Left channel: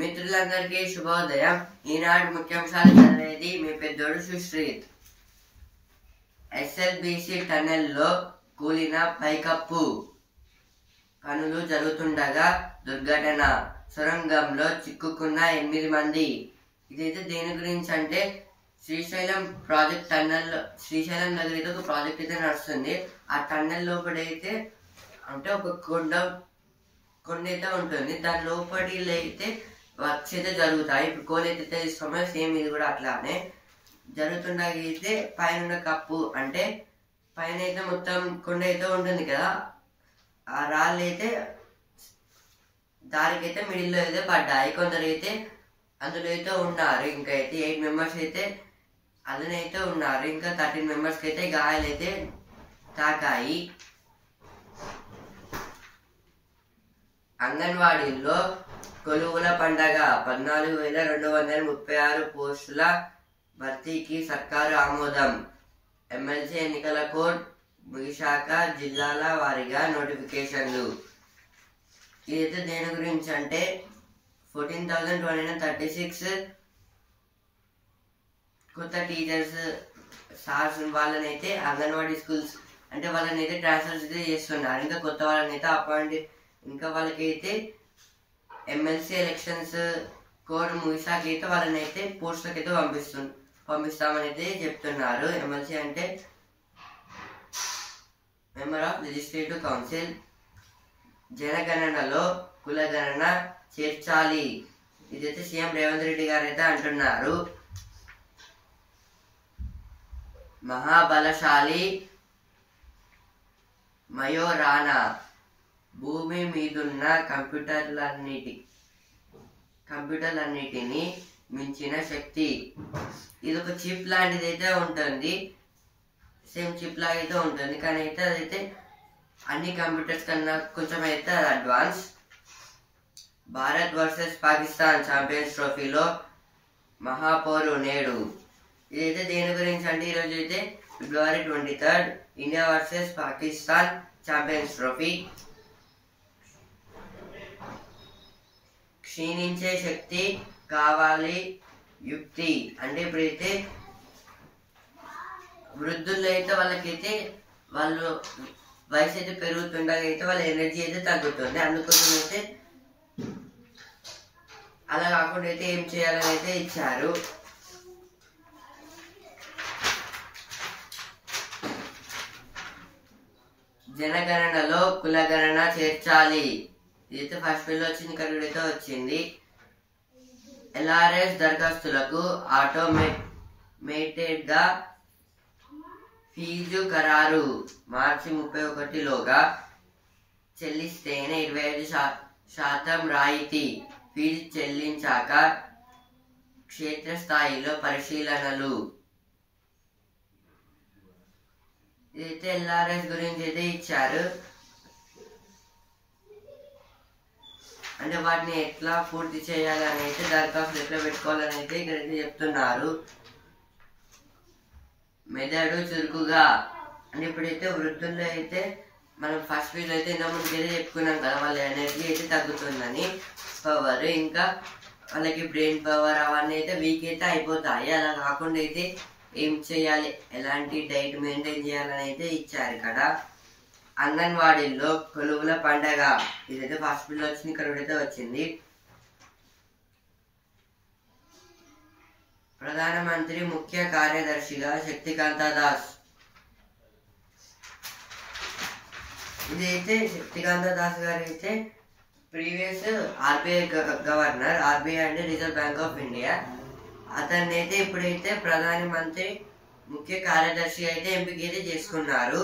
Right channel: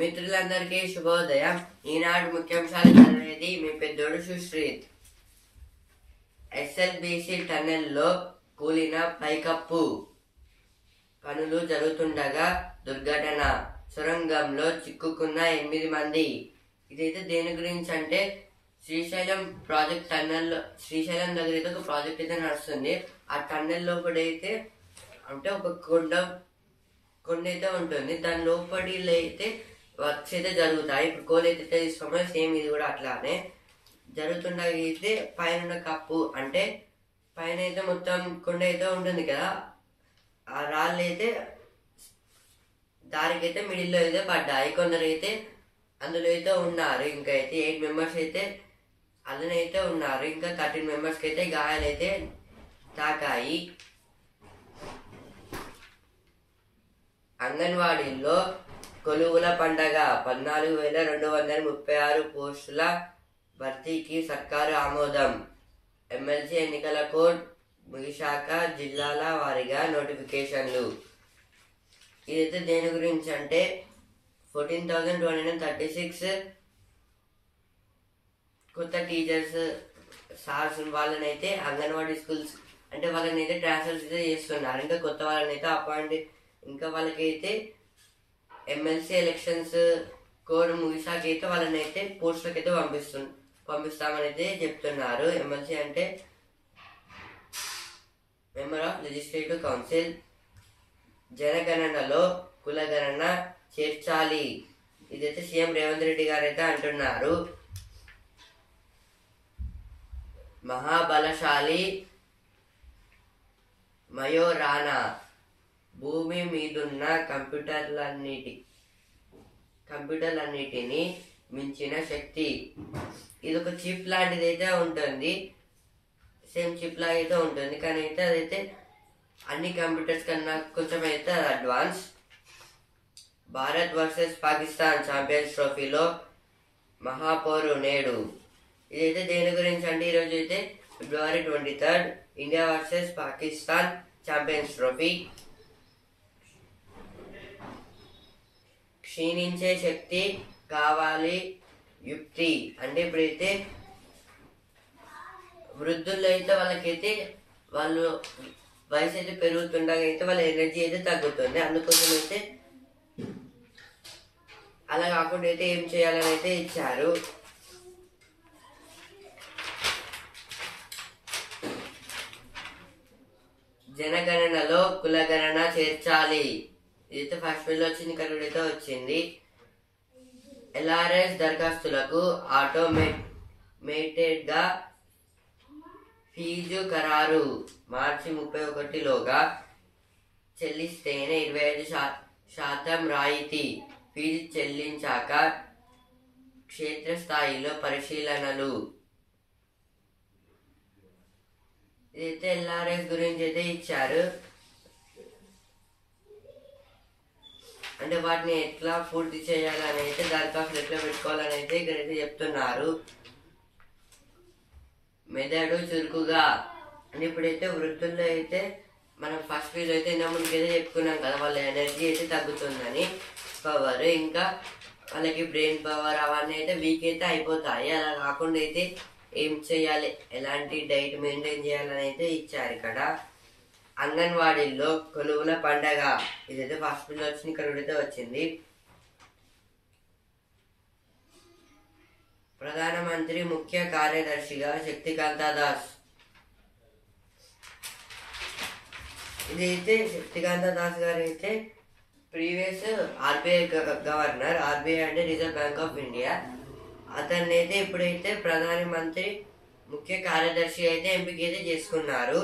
మిత్రులందరికీ శుభోదయం. ఈనాడు ముఖ్యాంశాలు చదివేది మీ పెద్దోడు సుశ్రీత్. ఎస్ఎల్బిసి టన్నెల్లో కూలిన పైకప్పు, పనులు జరుగుతుండగా దుర్ఘటన, సొరంగంలో చిక్కుకున్న 8 మంది. ఇదైతే దేని గురించి అంటే శ్రీశైలం ప్రాజెక్ట్ టన్నెల్, శ్రీశైలం దగ్గర అయితే ఒక ప్రాజెక్ట్ అయితే నడుస్తుంది. ఆ టన్నెల్ లోపలైతే అంటే ఒక కొండ అయితే ఉంటుంది. దాని లోపలిలో అయితే వర్క్స్ అయితే జరుగుతాయి. ఇప్పుడు కోల్ అయితే తీసుకోమో సేమ్ ఇది కూడా అట్లానే జరుగుతుండగా అయితే పైన కప్పు అంటే పైన అయితే మొత్తం కొండ అయితే ఉంటుంది కదా, ఆ రాళ్ళు అయితే దారికి అయితే మిడిల్లో అయితే పడ్డాయి. కొందరు అయితే అందులో అయితే ఉన్నారు. ఇంకా అయితే 8 మెంబర్స్ అయితే అందులోనైతే ఉన్నారు. ఇంకా 13 మెంబర్స్కి అయితే గాయాలైతే తాకాయి. అంగన్వాడీల్లో కొలువుల పండగ, 14,236 పోస్టుల భర్తీకి సర్కారు ఆమోదం. ఎమ్మెల్సీ ఎన్నికల కోడ్ ముగిశాక జిల్లాల వారీగా నోటిఫికేషన్లు. ఇదైతే దేని గురించి అంటే 14,236 కొత్త టీచర్స్ సార్స్ వాళ్ళనైతే అంగన్వాడీ స్కూల్స్ అంటే వాళ్ళని అయితే ట్రాన్స్ఫర్స్ అయితే చేస్తున్నారు. ఇంకా కొత్త వాళ్ళని అయితే అపాయింట్, ఇంకా వాళ్ళకైతే ఎమ్మెల్సీ ఎలక్షన్స్ కోడ్ ముగిసాక అయితే వాళ్ళని అయితే పోస్టులకు అయితే పంపిస్తామని అయితే చెప్తున్నారు. ఎమ్మెల్సీ అంటే మెంబర్ ఆఫ్ లెజిస్లేటివ్ కౌన్సిల్. జనగణనలో కులగణన చేర్చాలి. ఇదైతే సీఎం రేవంత్ రెడ్డి గారు అయితే అంటున్నారు. మహాబలశాలి మయోరానా, భూమి మీదున్న కంప్యూటర్లన్నిటినీ మించిన శక్తి. ఇది ఒక చిప్ లాంటిది అయితే ఉంటుంది, సేమ్ చిప్ లాగా అయితే ఉంటుంది. కానీ అయితే అదైతే అన్ని కంప్యూటర్స్ కన్నా కొంచెం అయితే అది advance. Bharat versus Pakistan champions ట్రోఫీలో మహాపోరు నేడు. ఇదైతే దేని గురించి అంటే ఈరోజు అయితే February 23 India versus Pakistan Champions Trophy. క్షీణించే శక్తి కావాలి యుక్తి అంటే ఇప్పుడైతే వృద్ధుల్లో అయితే వాళ్ళకైతే వాళ్ళు వయసు అయితే పెరుగుతుండగా అయితే వాళ్ళ ఎనర్జీ అయితే తగ్గుతుంది. అందుకోసం అయితే అలా కాకుండా అయితే ఏం చేయాలని అయితే ఇచ్చారు. జనగణనలో కులగణన చేర్చాలి. ఇదైతే ఫస్ట్ బిల్ వచ్చింది, ఇక్కడ అయితే వచ్చింది. LRS దరఖాస్తులకు ఆటోమేటెడ్గా ఫీజు ఖరారు. మార్చి 31లోగా చెల్లిస్తేనే 25% రాయితీ. ఫీజు చెల్లించాక క్షేత్రస్థాయిలో పరిశీలనలు. ఇదైతే LRS గురించి అయితే ఇచ్చారు. అంటే వాటిని ఎట్లా పూర్తి చేయాలని అయితే దరఖాస్తులు ఎట్లా పెట్టుకోవాలని అయితే ఇక్కడైతే చెప్తున్నారు. మెదడు చురుకుగా అంటే ఇప్పుడైతే వృద్ధుల్లో అయితే మనం ఫస్ట్ వీజ్ అయితే ఇంత ముందుకైతే చెప్పుకున్నాం కదా, వాళ్ళ ఎనర్జీ అయితే తగ్గుతుందని, పవర్ ఇంకా వాళ్ళకి బ్రెయిన్ పవర్ అవన్నీ అయితే వీక్ అయితే అయిపోతాయి. అలా కాకుండా అయితే ఏం చేయాలి, ఎలాంటి డైట్ మెయింటైన్ చేయాలని అయితే ఇచ్చారు ఇక్కడ. అంగన్వాడీల్లో కొలువుల పండగ. ఇదైతే ఫస్ట్ బిల్ వచ్చింది, ఇక్కడ అయితే వచ్చింది. ప్రధానమంత్రి ముఖ్య కార్యదర్శిగా శక్తికాంత దాస్. ఇదైతే శక్తికాంత దాస్ గారు అయితే ప్రీవియస్ RBI గవర్నర్, RBI అంటే రిజర్వ్ బ్యాంక్ ఆఫ్ ఇండియా. అతన్ని అయితే ఇప్పుడైతే ప్రధానమంత్రి ముఖ్య కార్యదర్శి అయితే ఎంపిక అయితే చేసుకున్నారు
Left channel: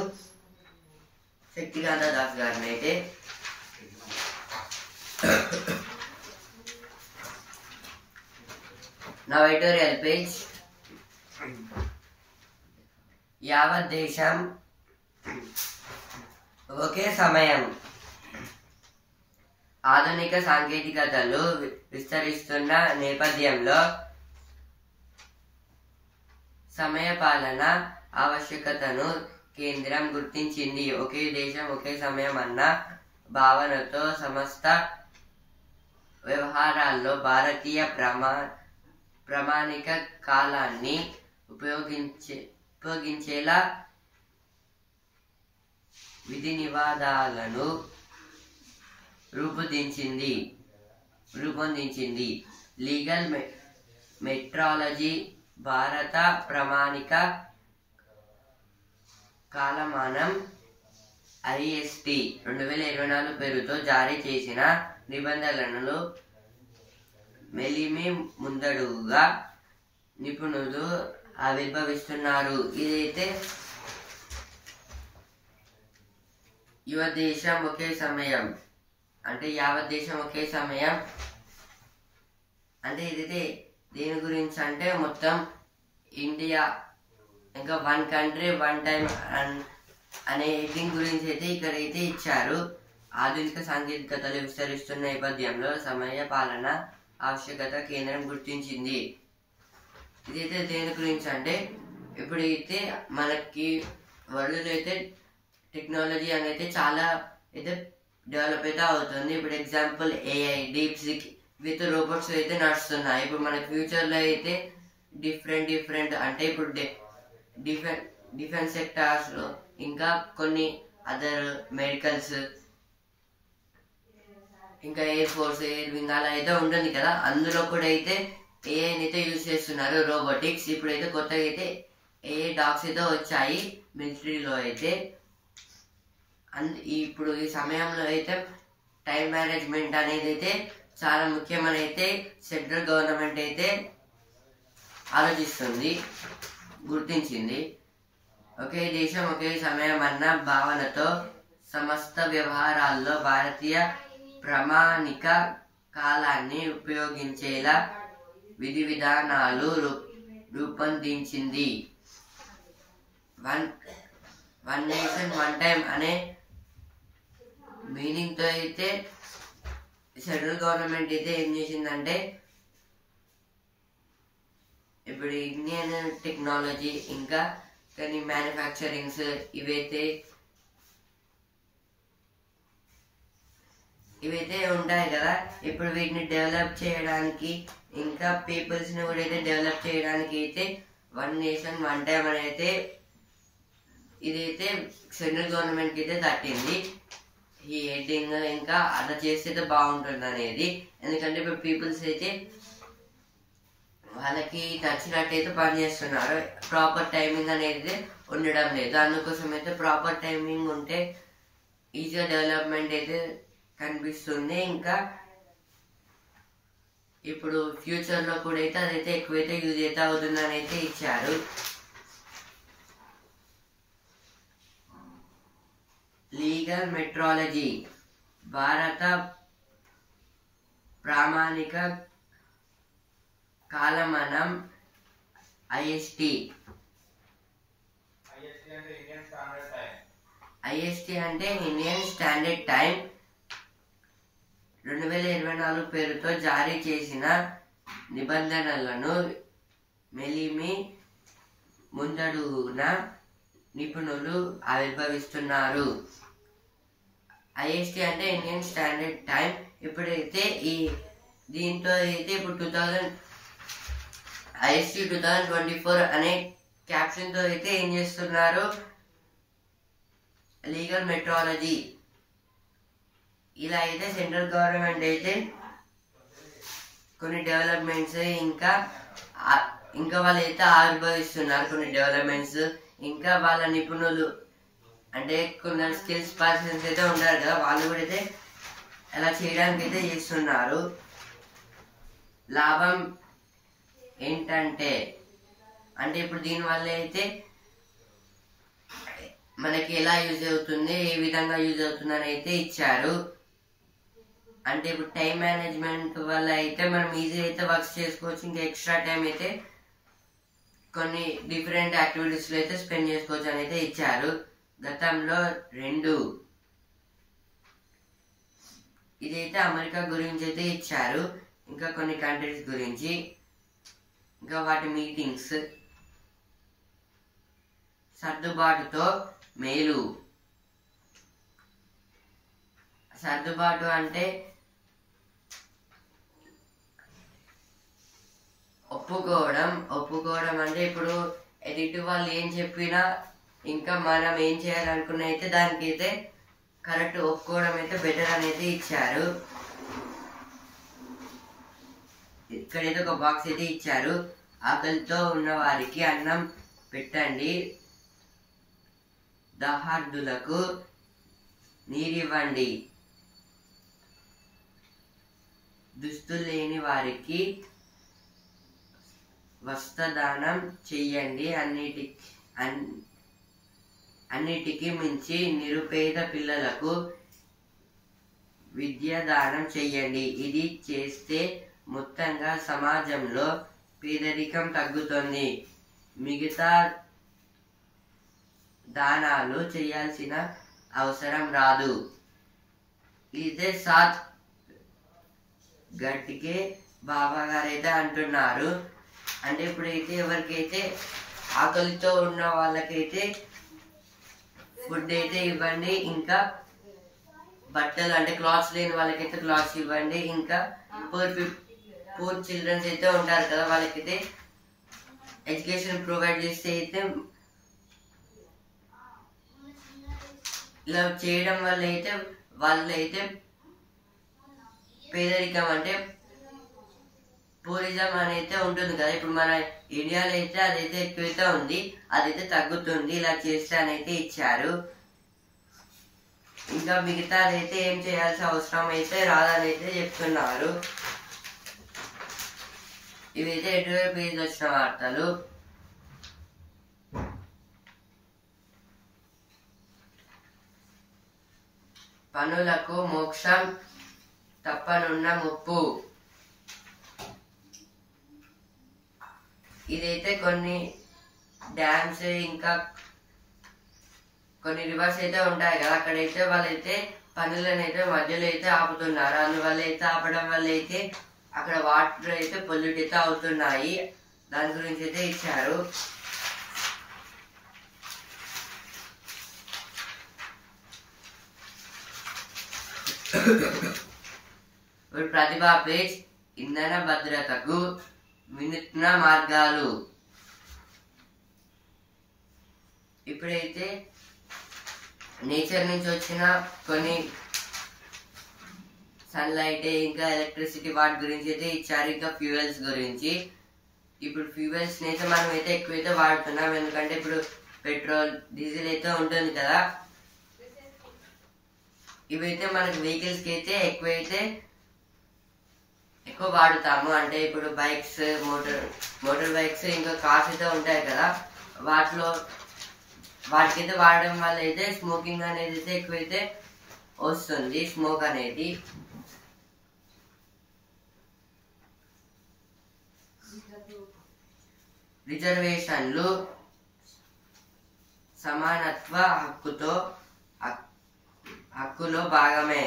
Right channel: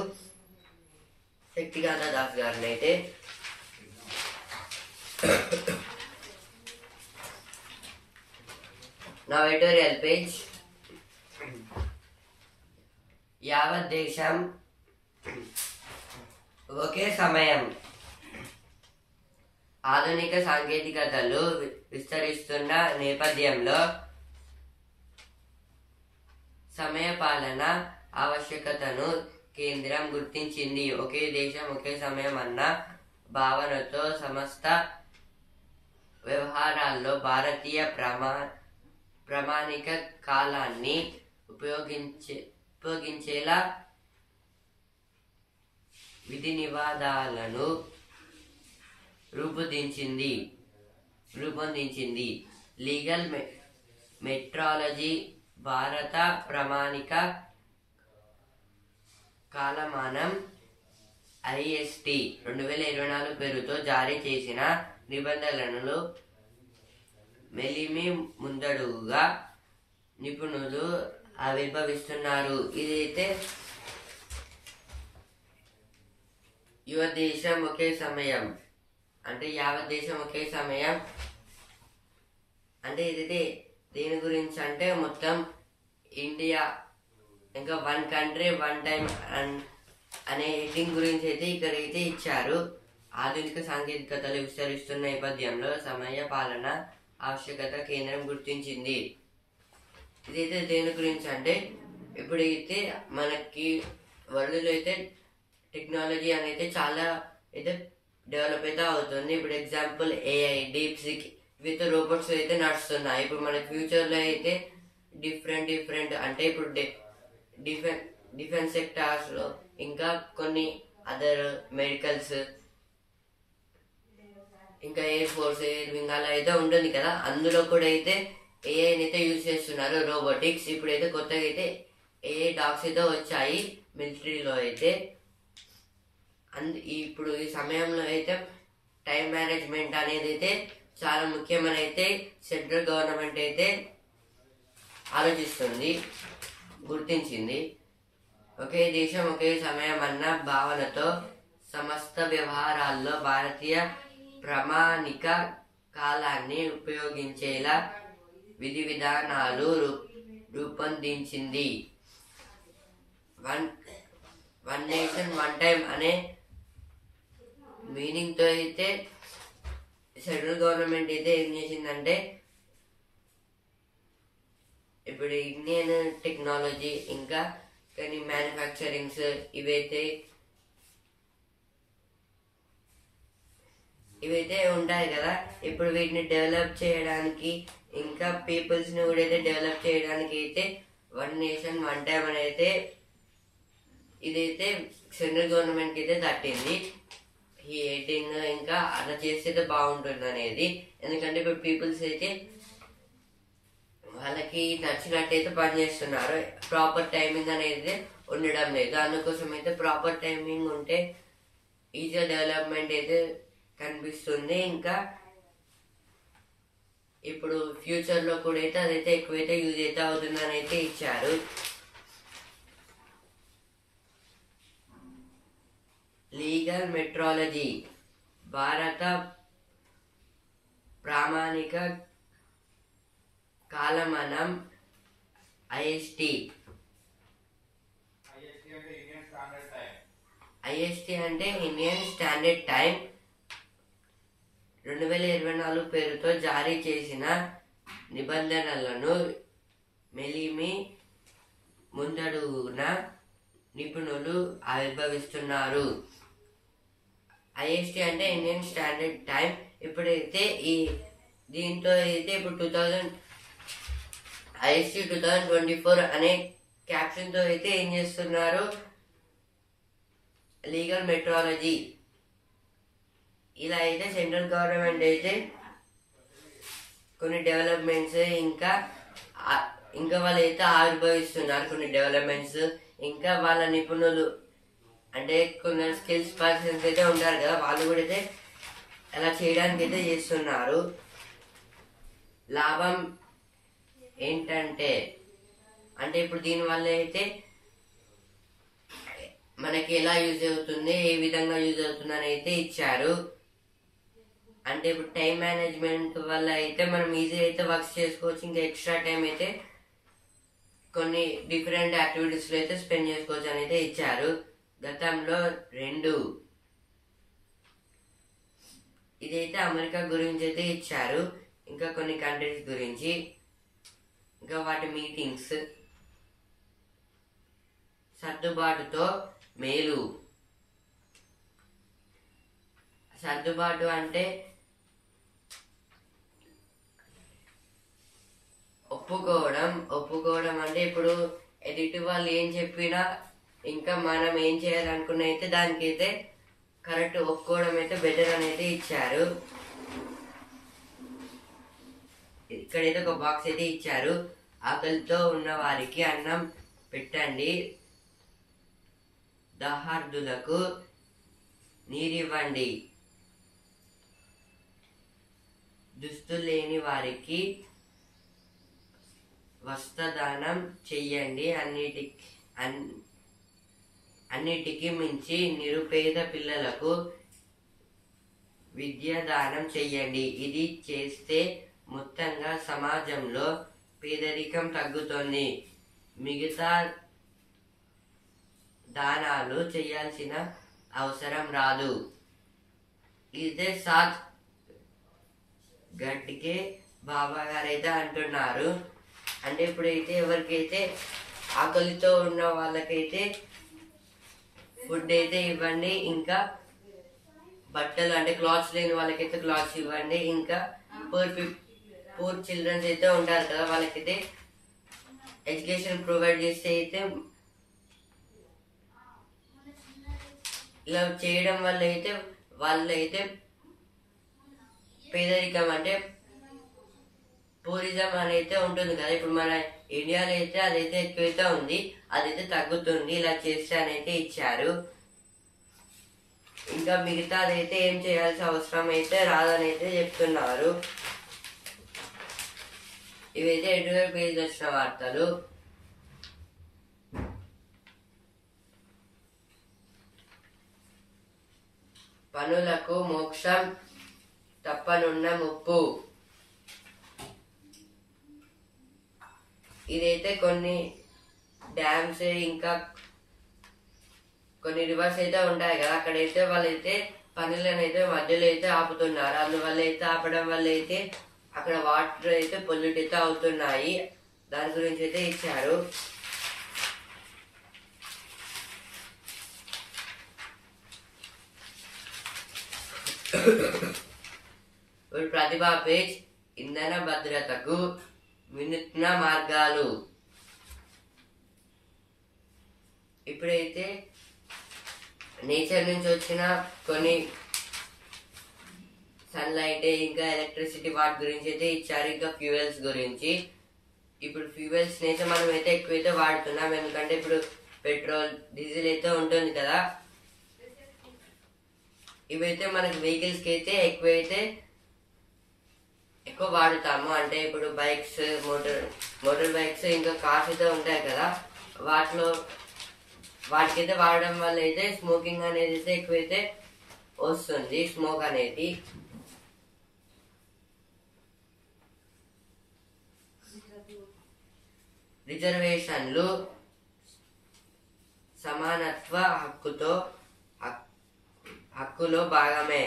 శక్తికాంత దాస్ గారిని అయితే. నా ఎడిటోరియల్ పేజ్. యావత్ దేశం ఒకే సమయం. ఆధునిక సాంకేతికతలు విస్తరిస్తున్న నేపథ్యంలో సమయపాలన ఆవశ్యకతను కేంద్రం గుర్తించింది. ఒకే దేశం ఒకే సమయం అన్న భావనతో సమస్త వ్యవహారాల్లో భారతీయ ప్రామాణిక కాలాన్ని ఉపయోగించేలా విధి నివాదాలను రూపొందించింది. లీగల్ మెట్రాలజీ భారత ప్రామాణిక కాలమానం IST 2024 పేరుతో జారీ చేసిన నిబంధనలను మెలిమి ముందడుగుగా నిపుణులు ఆవిర్భవిస్తున్నారు. ఇదైతే యావత్ దేశం ఒకే సమయం అంటే ఇదైతే దేని గురించి అంటే మొత్తం ఇండియా ఇంకా వన్ కంట్రీ వన్ టైం అనే హెడ్డింగ్ గురించి అయితే ఇక్కడైతే ఇచ్చారు. ఆధునిక సాంకేతికతలు విస్తరిస్తున్న నేపథ్యంలో సమయ పాలన ఆవశ్యకత కేంద్రం గుర్తించింది. ఇదైతే దేని గురించి అంటే ఇప్పుడైతే మనకి వరల్డ్లో అయితే టెక్నాలజీ అనేది చాలా అయితే డెవలప్ అయితే అవుతుంది. ఇప్పుడు example AI, DeepSeek with robots అయితే నడుస్తున్నాయి. ఇప్పుడు మన ఫ్యూచర్లో అయితే డిఫరెంట్ అంటే ఇప్పుడు డిఫెన్స్ సెక్టార్స్లో ఇంకా కొన్ని అదర్ మెడికల్స్ ఇంకా ఎయిర్ ఫోర్స్, ఎయిర్ వింగ్ అలా అయితే ఉంటుంది కదా, అందులో కూడా అయితే ఏఐని అయితే యూజ్ చేస్తున్నారు, రోబోటిక్స్. ఇప్పుడైతే కొత్తగా అయితే AI డాగ్స్ అయితే వచ్చాయి మిలిటరీలో అయితే. ఇప్పుడు ఈ సమయంలో అయితే టైం మేనేజ్మెంట్ అనేది అయితే చాలా ముఖ్యమని అయితే సెంట్రల్ గవర్నమెంట్ అయితే గుర్తించింది. ఒకే దేశం ఒకే సమయం అన్న భావనతో సమస్త వ్యవహారాల్లో భారతీయ ప్రామాణిక కాలాన్ని ఉపయోగించేలా విధి విధానాలు రూపొందించింది. వన్ నేషన్ వన్ టైం అనే మీనింగ్తో అయితే సెంట్రల్ గవర్నమెంట్ అయితే ఏం చేసిందంటే ఇప్పుడు ఇండియన్ టెక్నాలజీ ఇంకా కానీ మ్యానుఫ్యాక్చరింగ్స్ ఇవైతే ఉంటాయి కదా, ఇప్పుడు వీటిని డెవలప్ చేయడానికి ఇంకా పీపుల్స్ని కూడా అయితే డెవలప్ చేయడానికి అయితే వన్ నేషన్ వన్ టైం అని అయితే ఇదైతే సెంట్రల్ గవర్నమెంట్కి అయితే తట్టింది. ఈ హెడ్డింగ్ ఇంకా అలా చేస్తే బాగుంటుంది అనేది. ఎందుకంటే ఇప్పుడు పీపుల్స్ అయితే వాళ్ళకి నచ్చినట్టయితే పనిచేస్తున్నారు, ప్రాపర్ టైమింగ్ అనేది ఉండడం లేదు. అందుకోసం అయితే ప్రాపర్ టైమింగ్ ఉంటే ఈజీగా డెవలప్మెంట్ అయితే కనిపిస్తుంది. ఇంకా ఇప్పుడు ఫ్యూచర్లో కూడా అయితే అదైతే ఎక్కువైతే యూజ్ అయితే అవుతుందని అయితే ఇచ్చారు. లీగల్ మెట్రాలజీ భారత ప్రామాణిక కాలమానం IST అంటే ఇండియన్ స్టాండర్డ్ టైం 2024 పేరుతో జారీ చేసిన నిబంధనలను మెలిమి ముందడుగున నిపుణులు ఆవిర్భవిస్తున్నారు. IST అంటే ఇండియన్ స్టాండర్డ్ టైం. ఇప్పుడైతే దీంతో అయితే ఇప్పుడు IST 2024 అనే క్యాప్షన్తో అయితే ఏం చేస్తున్నారు, లీగల్ మెట్రాలజీ ఇలా అయితే సెంట్రల్ గవర్నమెంట్ అయితే కొన్ని డెవలప్మెంట్స్ ఇంకా వాళ్ళు అయితే ఆవిర్భవిస్తున్నారు కొన్ని డెవలప్మెంట్స్. ఇంకా వాళ్ళ నిపుణులు అంటే కొందరు స్కిల్స్ పర్సన్స్ అయితే ఉంటారు కదా, వాళ్ళు కూడా అయితే అలా చేయడానికి అయితే చేస్తున్నారు. లాభం ఏంటంటే అంటే ఇప్పుడు దీనివల్ల అయితే మనకి ఎలా యూజ్ అవుతుంది, ఏ విధంగా యూజ్ అవుతుంది అని అయితే ఇచ్చారు. అంటే ఇప్పుడు టైం మేనేజ్మెంట్ వల్ల అయితే మనం ఈజీ అయితే వర్క్స్ చేసుకోవచ్చు. ఇంకా ఎక్స్ట్రా టైం అయితే కొన్ని డిఫరెంట్ యాక్టివిటీస్లో అయితే స్పెండ్ చేసుకోవచ్చు అని అయితే ఇచ్చారు. గతంలో 2 ఇదైతే అమెరికా గురించి అయితే ఇచ్చారు, ఇంకా కొన్ని కంట్రీస్ గురించి, ఇంకా వాటి మీటింగ్స్. సర్దుబాటుతో మేలు. సర్దుబాటు అంటే ఒప్పుకోవడం అంటే ఇప్పుడు ఎదుటి వాళ్ళు ఏం చెప్పినా ఇంకా మనం ఏం చేయాలనుకున్న అయితే దానికైతే కరెక్ట్ ఒప్పుకోవడం అయితే బెటర్ అని అయితే ఇచ్చారు. ఇక్కడైతే ఒక బాక్స్ అయితే ఇచ్చారు. ఆకలితో ఉన్న వారికి అన్నం పెట్టండి, దాహార్దులకు నీరివ్వండి, దుస్తులు లేని వారికి వస్త్రదానం చెయ్యండి, అన్నిటికీ మించి నిరుపేద పిల్లలకు విద్యాదానం చెయ్యండి. ఇది చేస్తే మొత్తంగా సమాజంలో పేదరికం తగ్గుతుంది. మిగతా దానాలు చేయాల్సిన అవసరం రాదు. ఇదే సాత్ గడ్కే బాబా గారు అయితే అంటున్నారు. అంటే ఇప్పుడైతే ఎవరికైతే ఆకలితో ఉన్న వాళ్ళకైతే ఫుడ్ అయితే ఇవ్వండి, ఇంకా బట్టలు అంటే క్లాత్స్ లేని వాళ్ళకైతే క్లాత్స్ ఇవ్వండి, ఇంకా పూర్ చిల్డ్రన్స్ అయితే ఉంటారు కదా వాళ్ళకైతే ఎడ్యుకేషన్ ప్రొవైడ్ చేస్తే అయితే ఇలా చేయడం వల్ల అయితే వాళ్ళైతే పేదరికం అంటే టూరిజం అనేది ఉంటుంది కదా, ఇప్పుడు మన ఇండియాలో అయితే అదైతే ఎక్కువైతే ఉంది, అదైతే తగ్గుతుంది ఇలా చేస్తే అని అయితే ఇచ్చారు. ఇంకా మిగతా అదైతే ఏం చేయాల్సిన అవసరం అయితే రాదని అయితే చెప్తున్నారు. ఇవైతే ఎటువంటి పేజ్ వచ్చిన వార్తలు. పనులకు మోక్షం తప్పనున్న ముప్పు. ఇదైతే కొన్ని డ్యామ్స్ ఇంకా కొన్ని రివర్స్ అయితే ఉంటాయి కదా, అక్కడైతే వాళ్ళైతే పనులను అయితే మధ్యలో అయితే ఆపుతున్నారు. అందువల్ల అయితే ఆపడం వల్ల అయితే అక్కడ వాటర్ అయితే పొల్యూట్ అయితే అవుతున్నాయి. దాని గురించి అయితే ఇచ్చారు. ఇప్పుడు ప్రతిభా పేజ్ ఇంధన భద్రతకు వినూత్న మార్గాలు. ఇప్పుడైతే నేచర్ నుంచి వచ్చిన కొన్ని సన్లైట్ ఇంకా ఎలక్ట్రిసిటీ వాటి గురించి అయితే ఇచ్చారు, ఇంకా ఫ్యూయల్స్ గురించి. ఇప్పుడు ఫ్యూయల్స్ అయితే మనం అయితే ఎక్కువైతే వాడుతున్నాం, ఎందుకంటే ఇప్పుడు పెట్రోల్ డీజిల్ అయితే ఉంటుంది కదా, ఇవైతే మనకి వెహికల్స్కి అయితే ఎక్కువ వాడుతాము. అంటే ఇప్పుడు బైక్స్, మోటార్ బైక్స్ ఇంకా కార్స్ అయితే ఉంటాయి కదా, వాటికైతే వాడడం వల్ల అయితే స్మోకింగ్ అనేది అయితే ఎక్కువైతే వస్తుంది, స్మోక్ అనేది. రిజర్వేషన్లు సమానత్వ హక్కులో భాగమే.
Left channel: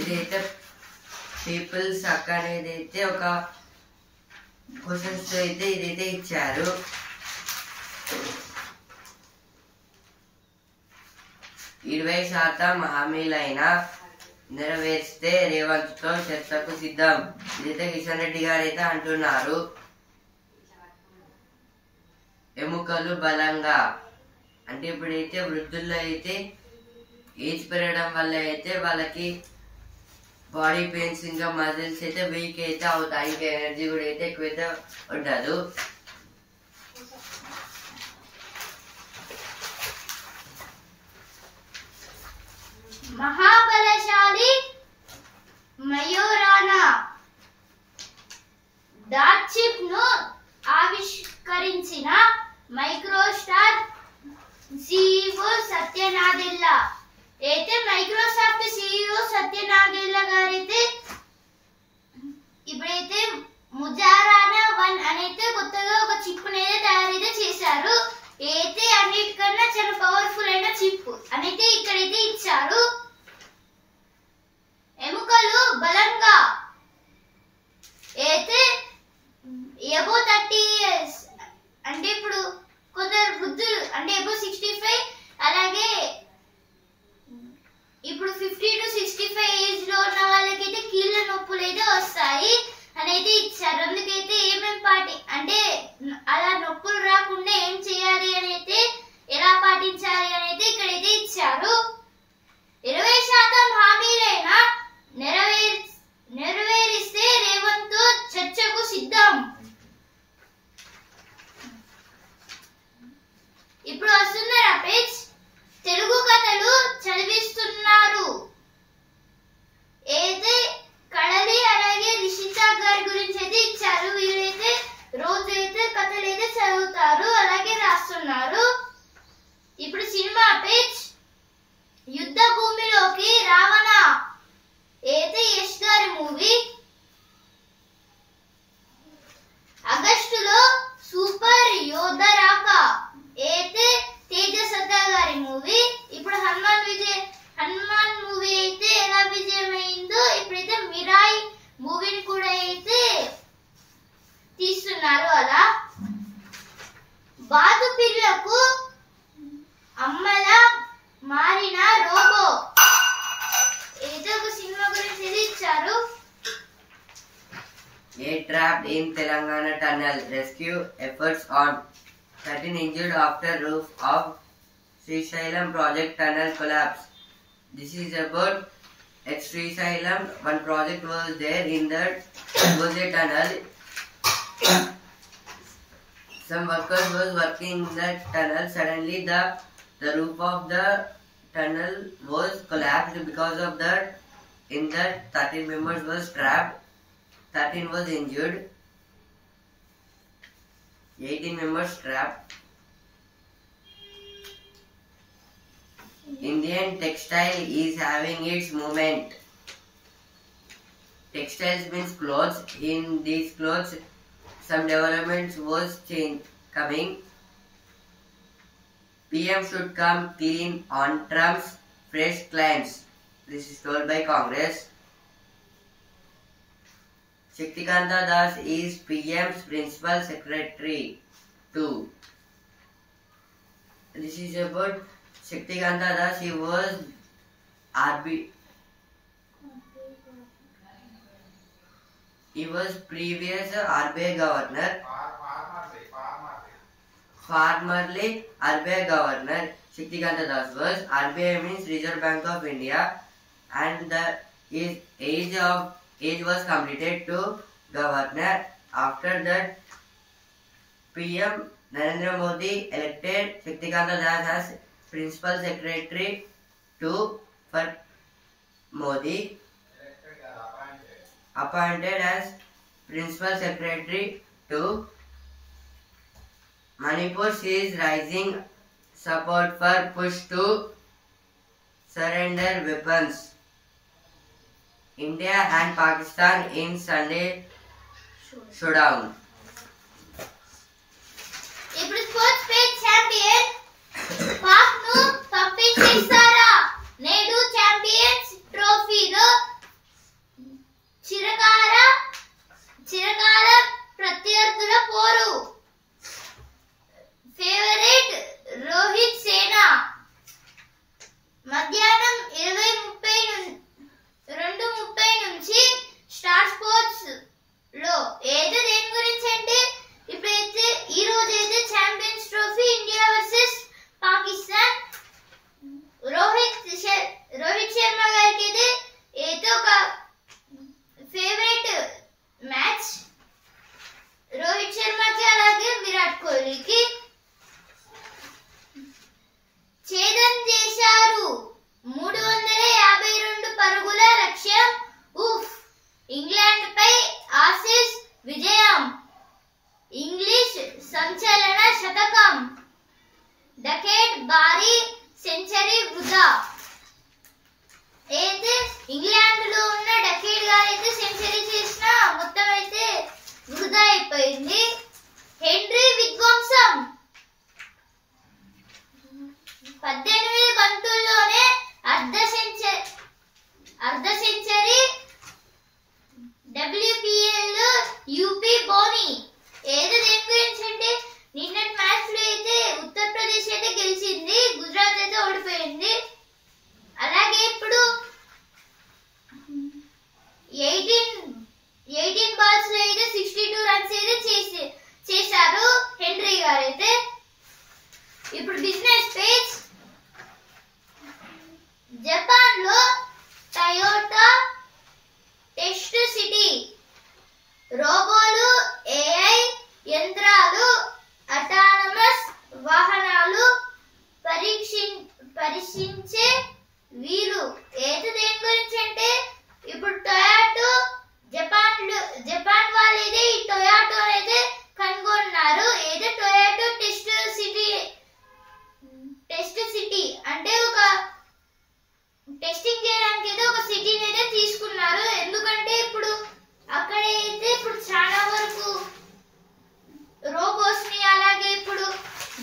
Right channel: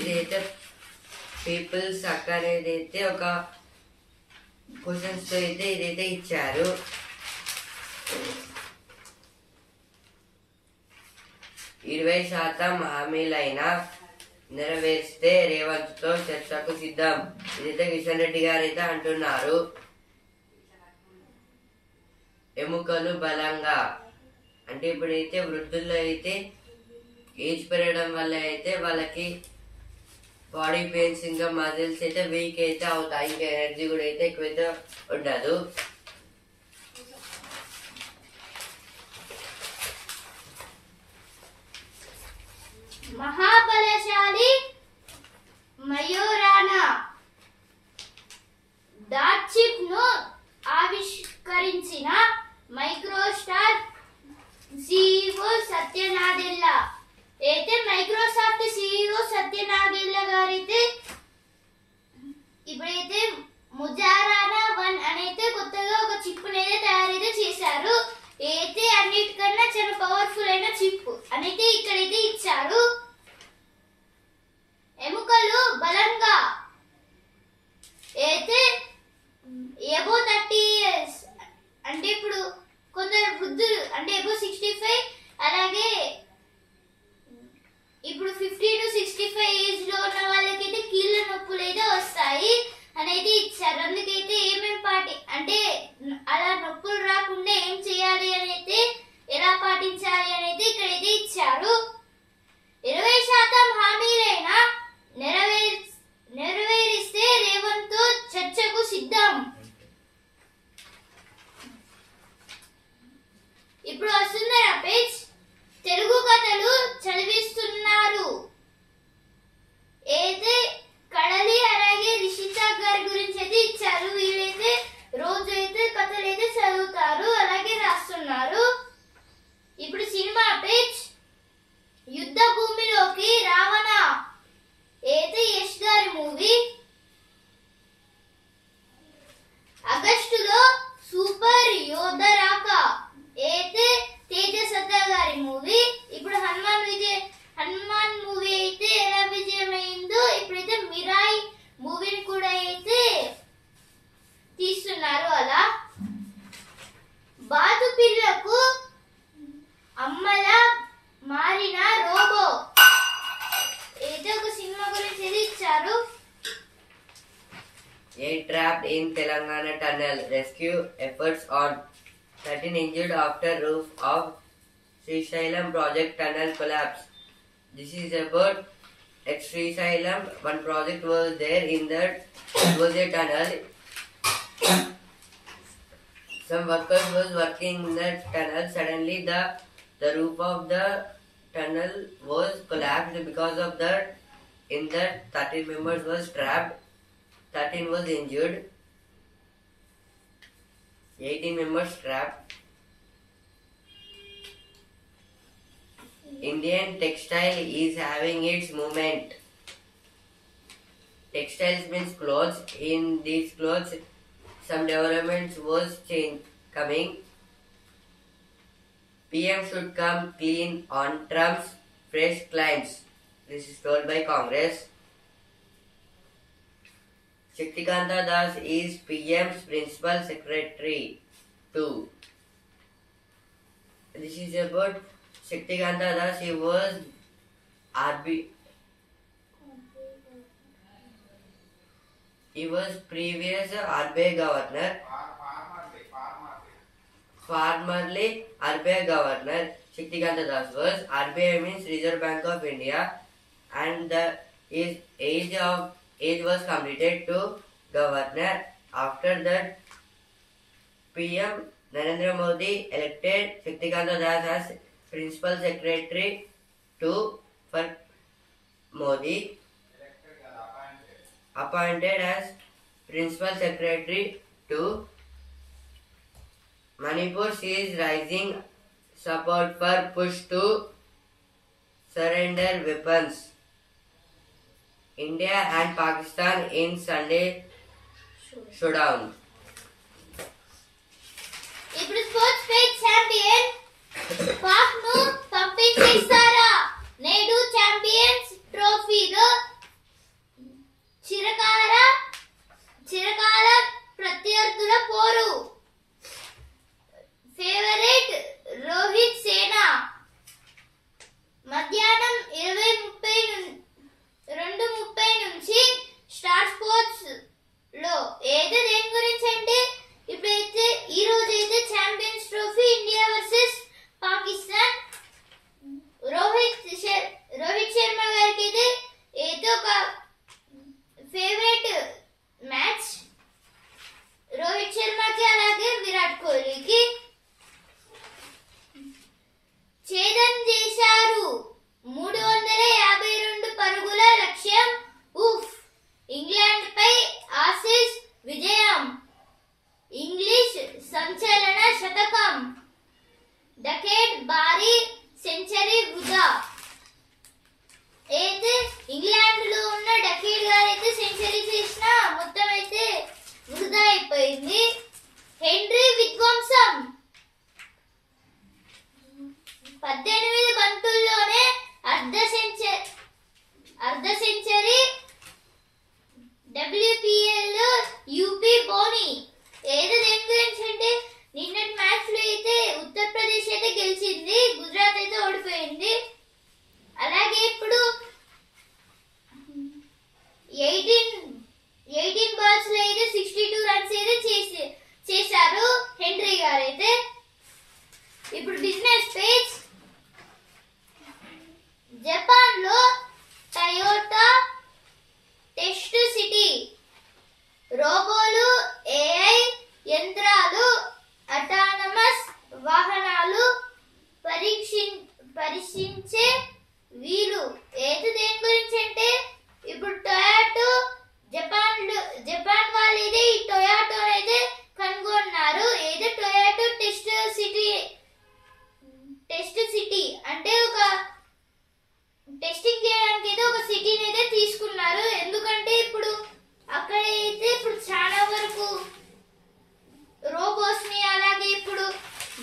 ఇదైతే పీపుల్స్ హక్ అనేది అయితే ఒక క్వశ్చన్స్ తో అయితే ఇదైతే ఇచ్చారు. 20% హామీలైనా నెరవేర్స్తే రేవంత్ తో చర్చకు సిద్ధం. ఇదైతే కిషన్ రెడ్డి గారు అయితే అంటున్నారు. ఎముకలు బలంగా అంటే ఇప్పుడైతే వృద్ధుల్లో అయితే ఏజ్ పెరగడం వల్ల అయితే వాళ్ళకి బాడీ పెయిన్స్ ఇంకా మజిల్స్ అయితే వీక్ అయితే అవుతాయి, ఇంకా ఎనర్జీ కూడా అయితే ఎక్కువైతే ఉండదు. మహాబలశాలి మయూరానా డాట్ చిప్ ను ఆవిష్కరించిన మైక్రోసాఫ్ట్ CEO సత్య నాదెల్లా. అయితే మైక్రోసాఫ్ట్ CEO సత్య నాదెల్లా గారైతే ఇప్పుడైతే ముజారానా 1 అనైతే కొత్తగా ఒక చిప్ అనేది తయారైతే చేశారు. అయితే అన్నిటికన్నా చాలా పవర్ఫుల్ అయిన చిప్ అనైతే ఇక్కడైతే ఇచ్చారు. ఎముకలు బలంగా అయితే ఎబో 30 years అంటే ఇప్పుడు కొందరు వృద్ధులు అంటే ఎబో 65 అలాగే ఇప్పుడు 50 to 60 ఉంటాయి అని అయితే ఇచ్చారు. అందుకైతే ఏమేం అంటే అలా నొప్పులు రాకుండా ఏం చేయాలి అని అయితే ఎలా పాటించాలి అని అయితే ఇక్కడైతే ఇచ్చారు. 20% హామీలైనా నెరవేరిస్తే రేవంత్ తో చర్చకు సిద్ధం. ఇప్పుడు వస్తున్నారా పేజ్. తెలుగు కథలు చదివిస్తున్నారు. అయితే కడలి అలాగే రిషిత గారి గురించి అయితే ఇచ్చారు. వీళ్ళైతే రోజైతే కథలు అయితే చదువుతారు అలాగే రాస్తున్నారు. ఇప్పుడు సినిమా పేజ్. యుద్ధ భూమిలోకి రావణ అయితే యష్ గారి మూవీ. ఆగస్టులో సూపర్ యోధ రాక అయితే తేజ సత్తా గారి మూవీ. ఇప్పుడు హనుమాన్ మూవీ అయితే ఎలా విజయమైందో ఇప్పుడైతే మిరాయి మూవీని కూడా అయితే తీస్తున్నారు. అలా బాతు పిల్లకు అమ్మలా మారిన రోబో ఏదో ఒక సినిమా గురించి ఇచ్చారు. A trapped in Telangana tunnel. Rescue efforts on. 13 injured after roof of Srisailam project tunnel collapse. This is about at Srisailam. One project was there in that was a tunnel. Some workers was working in that tunnel. Suddenly the roof of the tunnel was collapsed. Because of that, in that 13 members was trapped. 13 was injured. 18 members trapped. Indian textile is having its movement. Textiles means clothes. In these clothes, some developments was coming. PM should come clean on Trump's fresh claims. This is told by Congress. Shaktikanta Das is PM's principal secretary too. This is about Shaktikanta Das. He was previous RBI governor. Formerly RBI governor. Shaktikanta Das was. RBI means Reserve Bank of India, and his age was completed to governor. After that, PM Narendra Modi elected Shaktikanta Das as principal secretary for Modi, appointed as principal secretary to Manipur sees rising support for push to surrender weapons. India and Pakistan in Sunday showdown. ఇప్పుడు sports page champion Pak ను పంపించేస్తారా? నేడు champions ట్రోఫీలో చిరకాల ప్రత్యర్థుల పోరు. Favourite Rohit సేనా. మధ్యాహ్నం 2:30 నుంచి స్టార్ స్పోర్ట్స్ లో ఏదో దేని గురించి అంటే ఇప్పుడైతే ఈ రోజు అయితే champions trophy India versus Pakistan. Rohit Sharma గారికి అయితే ఏదో ఒక ఫేవరెట్ మ్యాచ్. రోహిత్ శర్మకి అలాగే విరాట్ కోహ్లీకి ఛేదన చేశారు. 352 పరుగుల లక్ష్యం. ఇంగ్లాండ్ పై ఆసీస్ విజయం. ఇంగ్లీష్ సంచలన శతకం. డకెట్ భారీ సెంచరీ వృధా. అయితే ఇంగ్లాండ్ లో ఉన్న డకెట్ గారు అయితే సెంచరీ చేసిన మొత్తం అయితే వృధా అయిపోయింది. హెన్రీ విధ్వంసం. 18 బంతుల్లోనే అర్ధ సెంచరీ. WPL యూపీ బోని. ఏదో దేని గురించి అంటే నిన్నటి మ్యాచ్ లో అయితే ఉత్తరప్రదేశ్ అయితే గెలిచింది, గుజరాత్ అయితే ఓడిపోయింది. అలాగే ఇప్పుడు 18 వీళ్ళు ఏది దేని గురించి అంటే ఇప్పుడు టొయాటో జపాన్ వాళ్ళు అయితే ఈ టొయాటో అయితే కనుగొన్నారు. ఏదో టొయాటో టెస్ట్ సిటీ అంటే ఒక టెస్టింగ్ చేయడానికి అయితే ఒక సిటీని అయితే తీసుకున్నారు. ఎందుకంటే ఇప్పుడు అక్కడ అయితే ఇప్పుడు చాలా వరకు రోబోస్ ని అలాగే ఇప్పుడు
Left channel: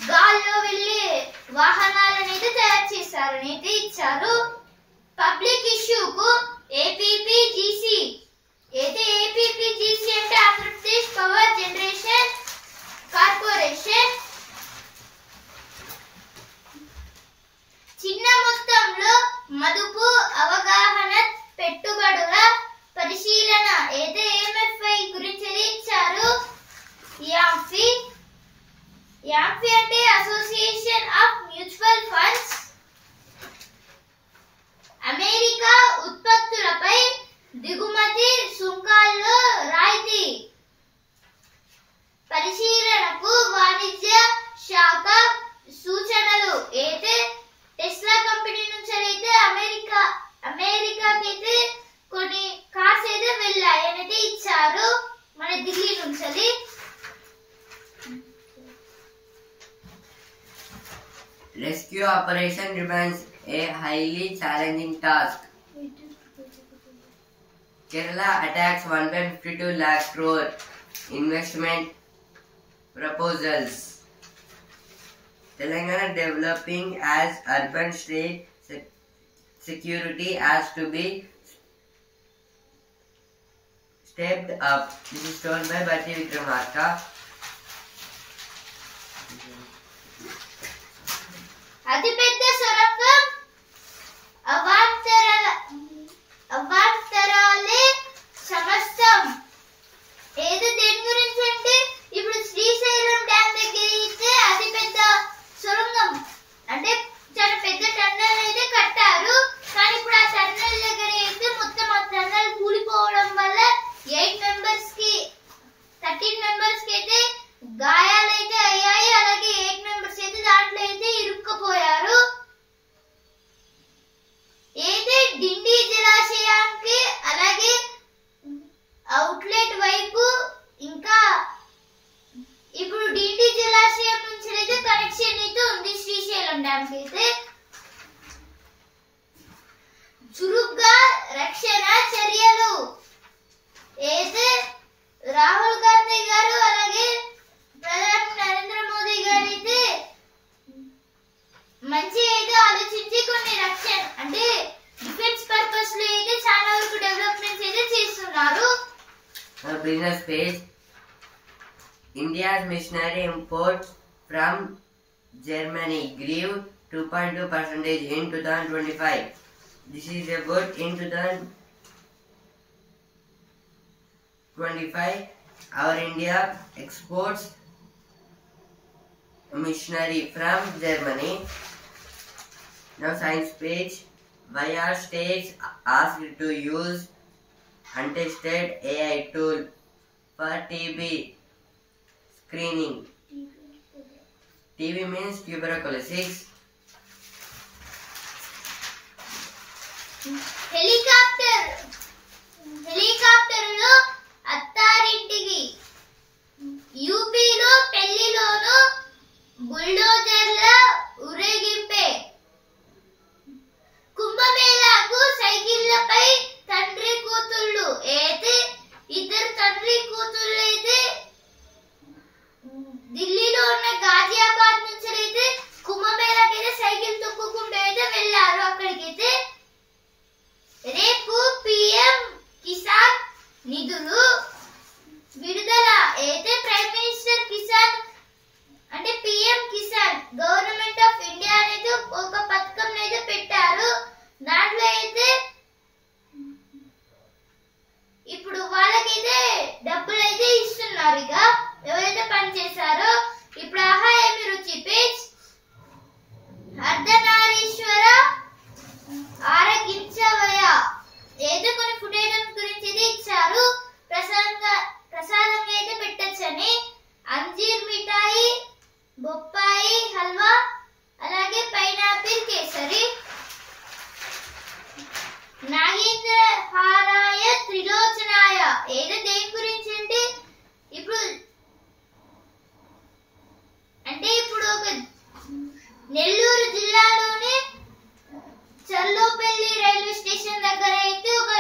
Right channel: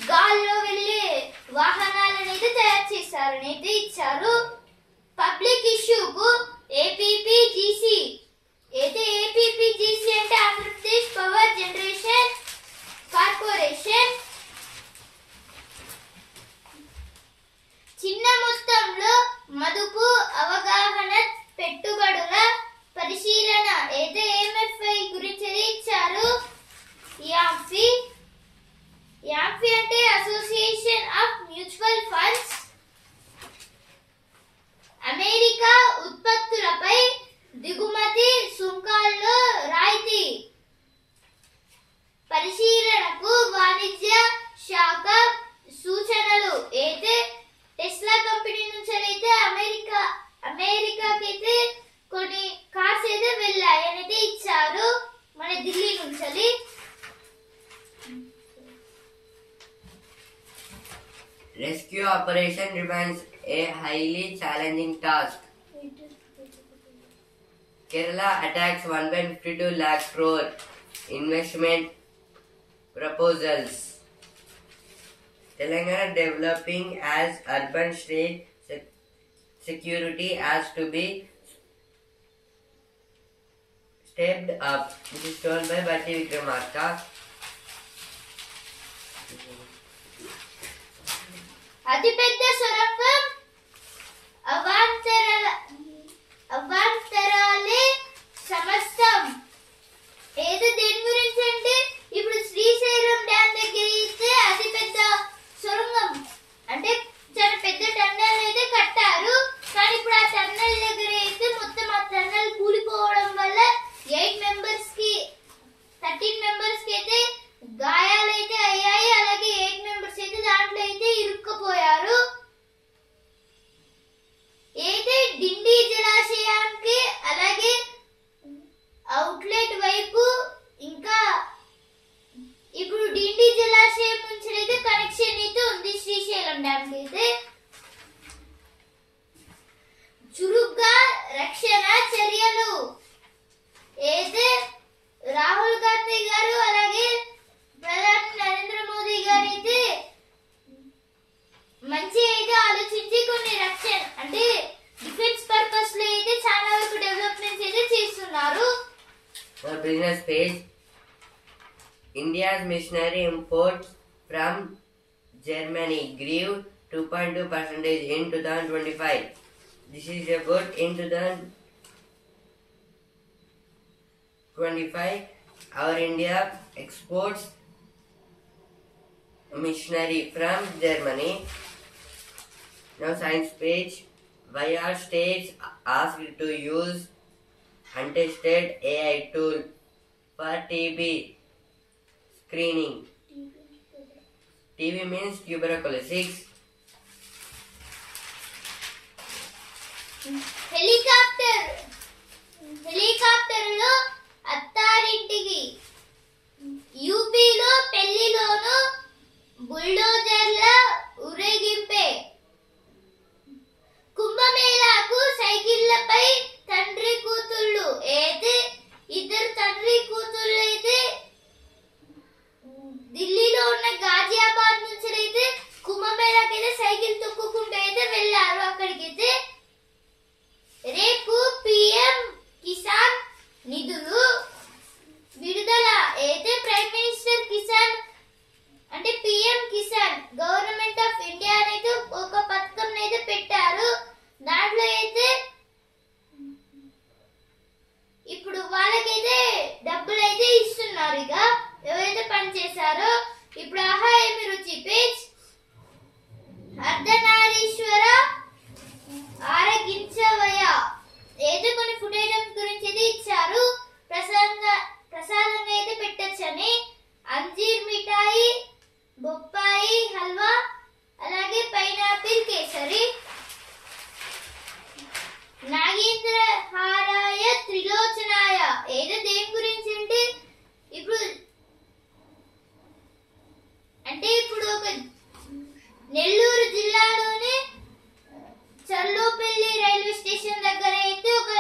గాల్లో వెళ్ళే వాహనాలను అయితే తయారు చేస్తారని అయితే ఇచ్చారు. పబ్లిక్ ఇష్యూకు ఏపీపీజీసీ అయితే ఏపీపీజీసీ అంటే ఆంధ్రప్రదేశ్ పవర్ జనరేషన్ కార్పొరేషన్ చిన్న మొత్తంలో మదుపు అవగాహన పెట్టుబడుల పరిశీలన అయితే ఎంఎఫ్ఐ గురించి ఇచ్చారు. యాంఫీ అంటే association of mutual funds. America ఉత్పత్తులపై దిగుమతి సుంకాల్లో రాయితీ పరిశీలనకు వాణిజ్య శాఖ సూచనలు అయితే టెస్లా కంపెనీ నుంచి అయితే అమెరికాకైతే కొన్ని కార్స్ అయితే వెళ్ళాయి అనేది ఇచ్చారు మన ఢిల్లీ నుంచి. Rescue operation remains a highly challenging task. Kerala attacks 1.52 lakh crore investment proposals. Telangana developing as urban state security has to be stepped up. This is told by Bhatti Vikramarka. అతిపెద్ద సొరంగం అవాంతరాలే సమస్తం. ఏదో దేని గురించి అంటే ఇప్పుడు శ్రీశైలం డ్యామ్ దగ్గర అయితే అతిపెద్ద సొరంగం అంటే చాలా పెద్ద టన్నెల్ అయితే కట్టారు. కానీ ఇప్పుడు ఆ టన్నెల్ దగ్గర అయితే మొత్తం ఆ టన్నెల్ కూలిపోవడం వల్ల 13 మెంబర్స్ కి అయితే గాయాలైతే అయ్యాయి. అలాగే 8 మెంబర్స్ అయితే దాంట్లో అయితే ఇరుక్కుపోయారు. అయితే డిండి జలాశయానికి అలాగే అవుట్లెట్ వైపు ఇంకా ఇప్పుడు డిండి జలాశయం నుంచి అయితే కనెక్షన్ అయితే ఉంది శ్రీశైలం డ్యామ్ కి అయితే. చురుగ్గా రక్షణ చర్యలు అయితే రాహుల్ గాంధీ గారు అలాగే ప్రధాని నరేంద్ర మోదీ గారు అయితే మంచి అయితే ఆలోచించి కొన్ని రక్షణ అంటే డిఫెన్స్ పర్పస్ లో అయితే చాలా వరకు డెవలప్మెంట్స్ అయితే చేస్తున్నారు. Business page. India's machinery imports from Germany grew 2.2% in 2025. This is a good in 2025. Our India exports machinery from Germany. Now science page. Why are states asked to use untested AI tool for TB screening? TB means tuberculosis. హెలికాప్టర్లో అత్తారింటికి యూపీలో పెళ్లిలోను బుల్డోజర్ల ఊరేగింపే. కుంభమేళాకు సైకిళ్లపై తండ్రి కూతుళ్ళు అయితే ఇద్దరు తండ్రి కూతుళ్ళు అయితే ఢిల్లీలో ఉన్న గాజియాబాద్ నుంచి అయితే కుంభమేళాకి అయితే సైకిల్ తొక్కుకుంటూ అయితే వెళ్ళారు అక్కడికైతే. రేపు పిఎం కిసాన్ నిధులు విడుదల అయితే ప్రైమ్ మినిస్టర్ కిసాన్ అంటే పిఎం కిసాన్ గవర్నమెంట్ నాగేంద్రహారాయ త్రిలోచనాయ ఏదో దేని గురించి అంటే ఇప్పుడు ఒక నెల్లూరు జిల్లాలోనే చల్లోపల్లి రైల్వే స్టేషన్ దగ్గర అయితే ఒక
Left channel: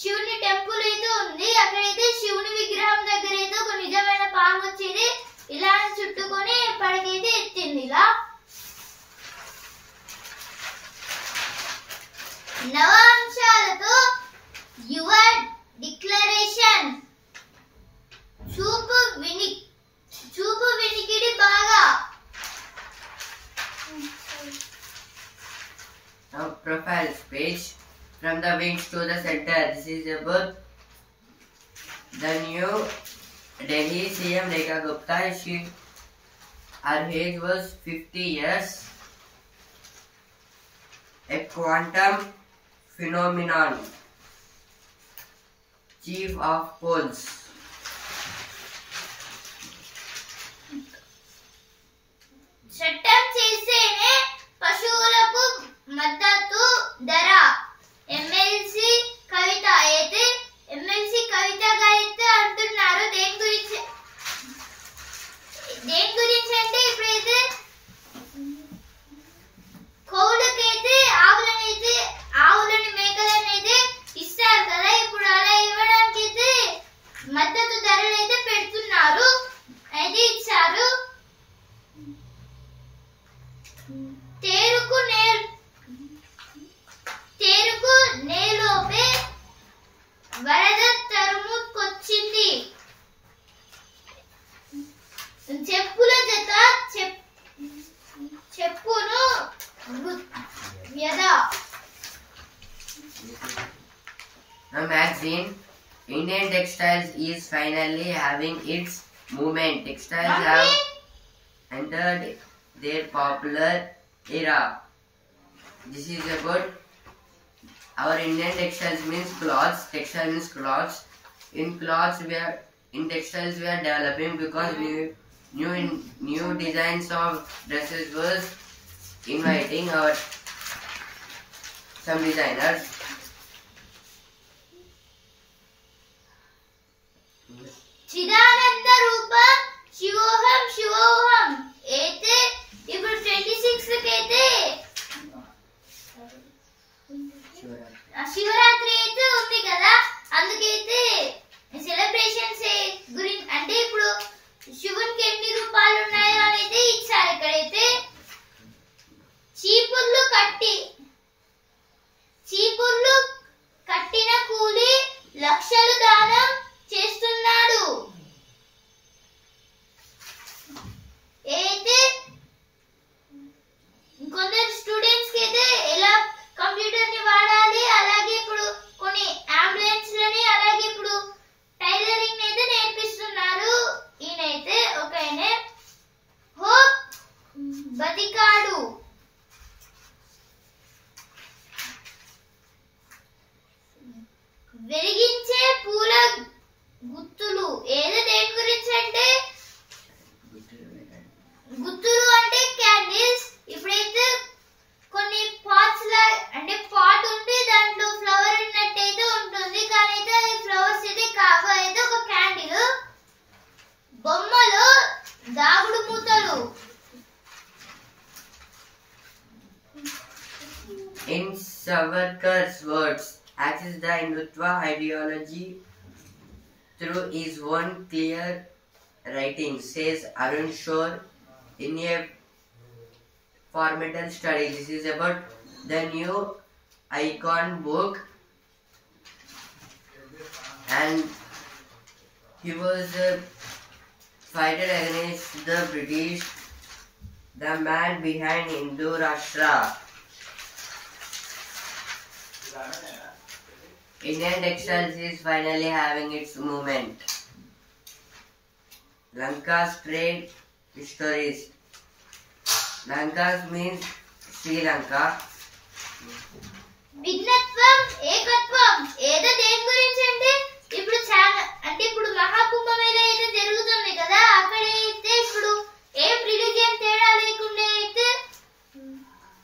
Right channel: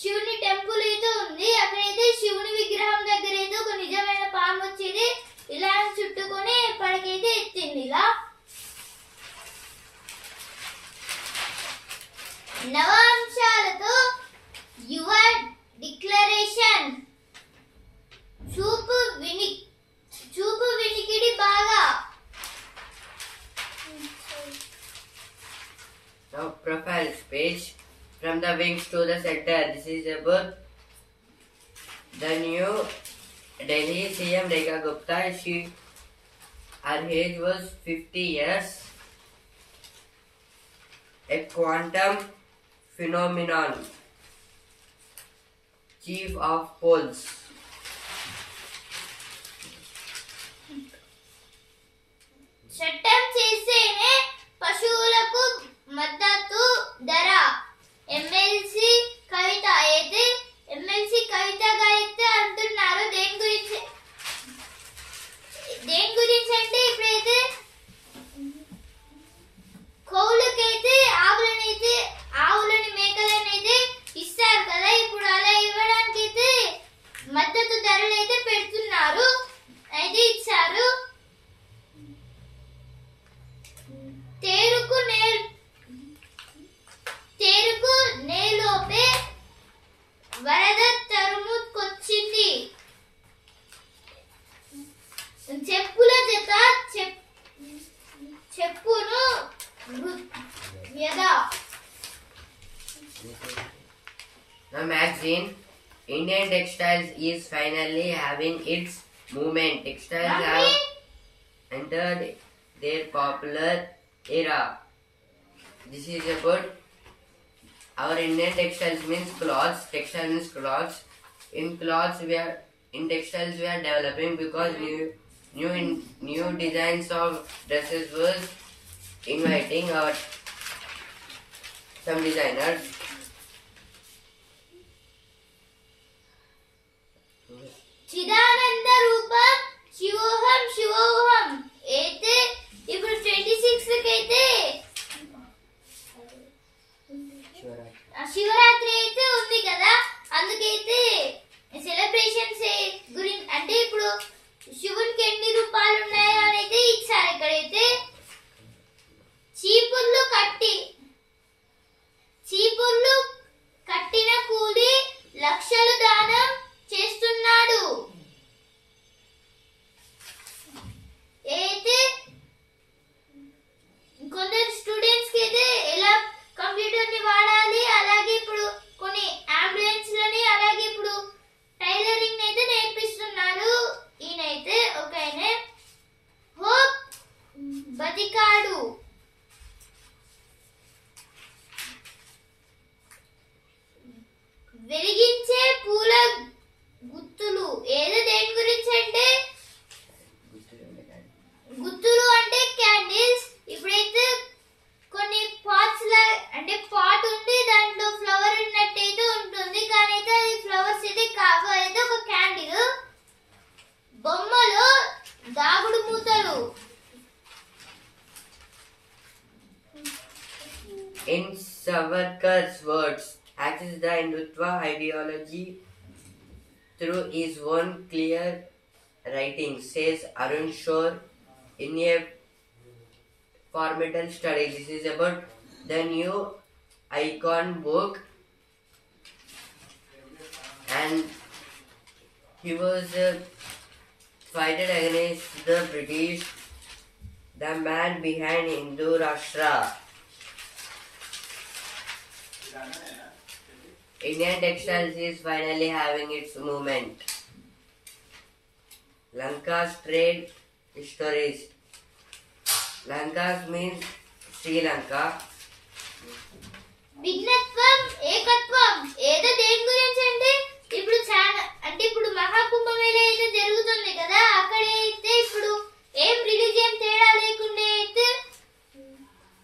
శివుని టెంపుల్ అయితే ఉంది. అక్కడైతే శివుని విగ్రహం దగ్గర అయితే ఒక నిజమైన పాము వచ్చేది ఇలా చుట్టుకొని పడకైతే ఎత్తింది. ఇలా నవాంశాలతో యువ డిక్లరేషన్ చూపు వినికిడి బాగా. Now profile speech from the wings to the center. This is about the new Delhi CM Rekha Gupta. Her age was 50 years. A quantum phenomenon. Chief of Polls. చట్టం చేసేనే పశువులకు మద్దతు ధర. ఎమ్మెల్సీ కవిత అయితే కవితగా అయితే అంటున్నారు. దేని గురించి అంటే ఇప్పుడైతే కౌలుకైతే ఆవులని మేకలని అయితే ఇస్తారు కదా. ఇప్పుడు అలా ఇవ్వడానికి అయితే మద్దతు ధరలు అయితే పెడుతున్నారు, అయితే ఇచ్చారు. తేరుకు నేలోపే వరద తరుముకొచ్చింది. చెప్పుల జత చెప్పును వ్యధ. Now magazine Indian Textiles is finally having its movement. Textiles have entered their popular era. This is about our Indian textiles means clothes. Textile means clothes. In textiles we are developing because new designs of dresses was inviting some designers. చిదానంద రూపం శివోహం అయితే ఇప్పుడు 26 కైతే శివరాత్రి అయితే ఉంది కదా. అందుకైతే celebrations గురించి అంటే ఇప్పుడు శివునికి ఎన్ని రూపాలు ఉన్నాయో అని అయితే ఇచ్చారు. ఇక్కడైతే చీపుర్లు కట్టిన కూలి లక్షలు దానం చేస్తున్నాడు. అయితే కొందరు స్టూడెంట్స్ కి అయితే ఎలా కంప్యూటర్ ని వాడాలి, అలాగే ఇప్పుడు కొన్ని అంబులెన్స్ లని, అలాగే ఇప్పుడు టైలరింగ్ అయితే నేర్పిస్తున్నారు. ఈయనైతే ఒకనే హోప్ బతికాడు. వెలిగించే పూల గుత్తులు ఏదో దేని గురించి అంటే గుత్తులు అంటే క్యాండిల్స్. ఇప్పుడైతే కొన్ని పాట్స్ అంటే పాట్ ఉంటే దాంట్లో ఫ్లవర్ ఉన్నట్టయితే ఉంటుంది, కానీ అయితే అది ఫ్లవర్స్ అయితే కాదు, అయితే ఒక క్యాండిల్. బొమ్మలో దాగుడు మూతలు. In Savarkar's words, axis the Hindutva ideology through his own clear writing, says Arun Shore in a formidable study. This is about the new icon book, and he was fighting against the British, the man behind Hindu Rashtra. Indian textiles is finally having its movement. Lanka's trade histories. Lanka's means Sri Lanka. భిన్నత్వం ఏకత్వం ఏదో దేని గురించి అంటే ఇప్పుడు చాలా అంటే ఇప్పుడు మహాకుంభమేళ అయితే జరుగుతుంది కదా. అక్కడైతే ఇప్పుడు ఏం రిలీజియన్ తేడా లేకుండా అయితే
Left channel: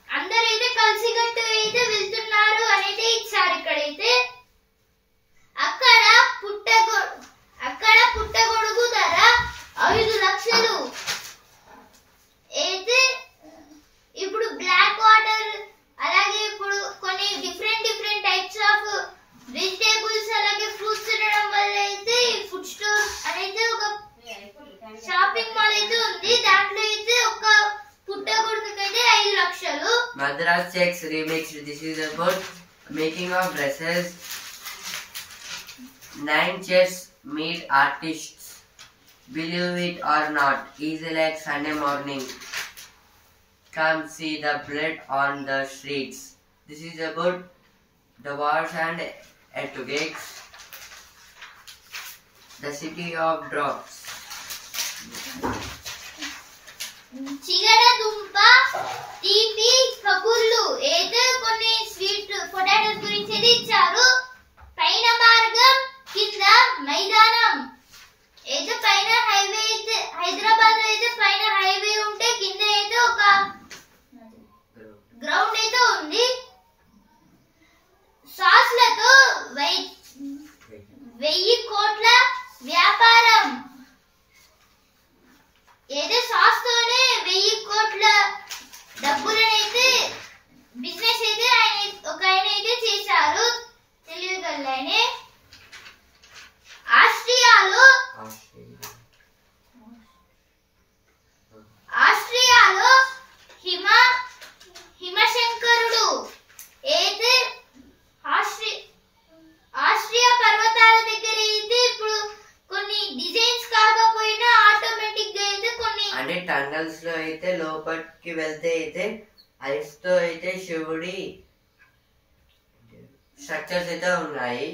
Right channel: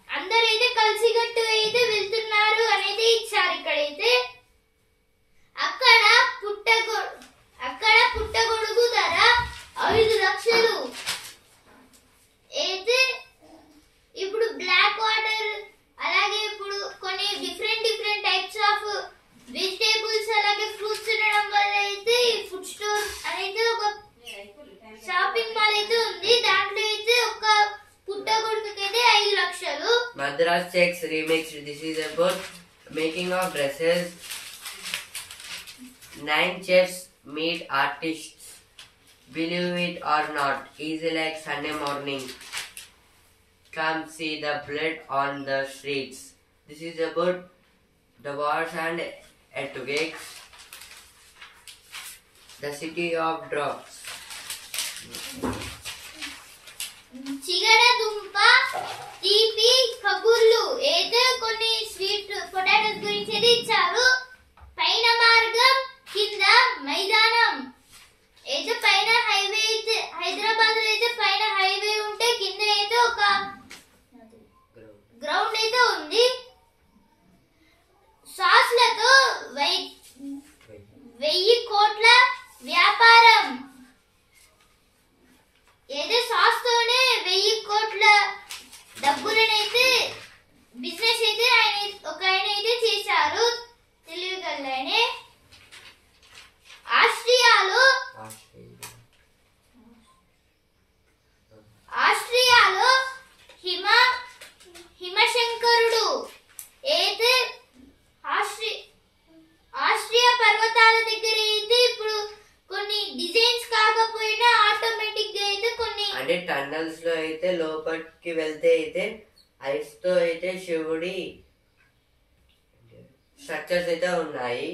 అందరైతే కలిసికట్టు అయితే వెళ్తున్నారు అనేది ఇచ్చారు. ఇక్కడైతే X Remixed. This is about making of dresses. 9 chefs meet artists. Believe it or not, easy like Sunday morning. Come see the blood on the streets. This is about the wars and earthquakes. The city of drops. చిగడ దుంప తీపి కబుర్లు ఏదో కొన్ని sweet potatoes గురించి అయితే ఇచ్చారు. పైన మార్గం కింద మైదానం. ఏదో పైన హైవే అయితే హైదరాబాద్ లో అయితే పైన హైవే ఉంటే కింద అయితే ఒక గ్రౌండ్ అయితే ఉంది. సాస్లతో 1000 కోట్ల వ్యాపారం. ఏదో సాస్ తోనే 1000 కోట్ల డబ్బులనైతే బిజినెస్ అయితే ఒక ఆయన అయితే చేశారు. తెలియగలనే ఆస్ట్రియాలో హిమశంకరుడు అయితే ఆస్ట్రియా పర్వతాల దగ్గర అయితే ఇప్పుడు కొన్ని డిజైన్స్ కాకపోయినా ఆటోమేటిక్ గా అయితే కొన్ని అంటే టన్నల్స్ లో అయితే లోపలికి వెళ్తే అయితే ఐస్ తో అయితే శివుడి స్ట్రక్చర్స్ అయితే ఉన్నాయి.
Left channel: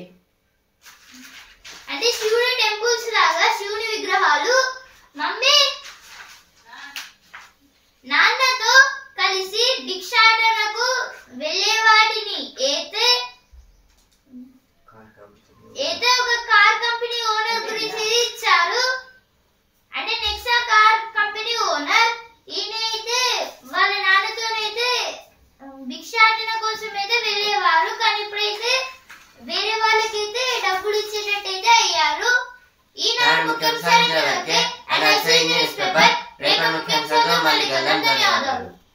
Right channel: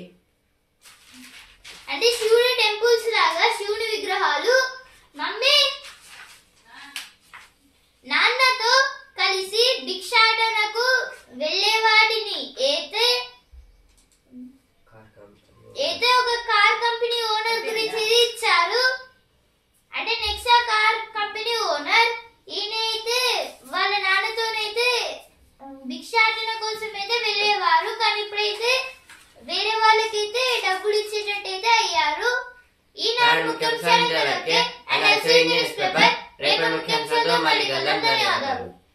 అంటే శివుడి టెంపుల్స్ లాగా శివుని విగ్రహాలు. మమ్మీ నాన్నతో కలిసి భిక్షాటనకు వెళ్ళేవాడిని.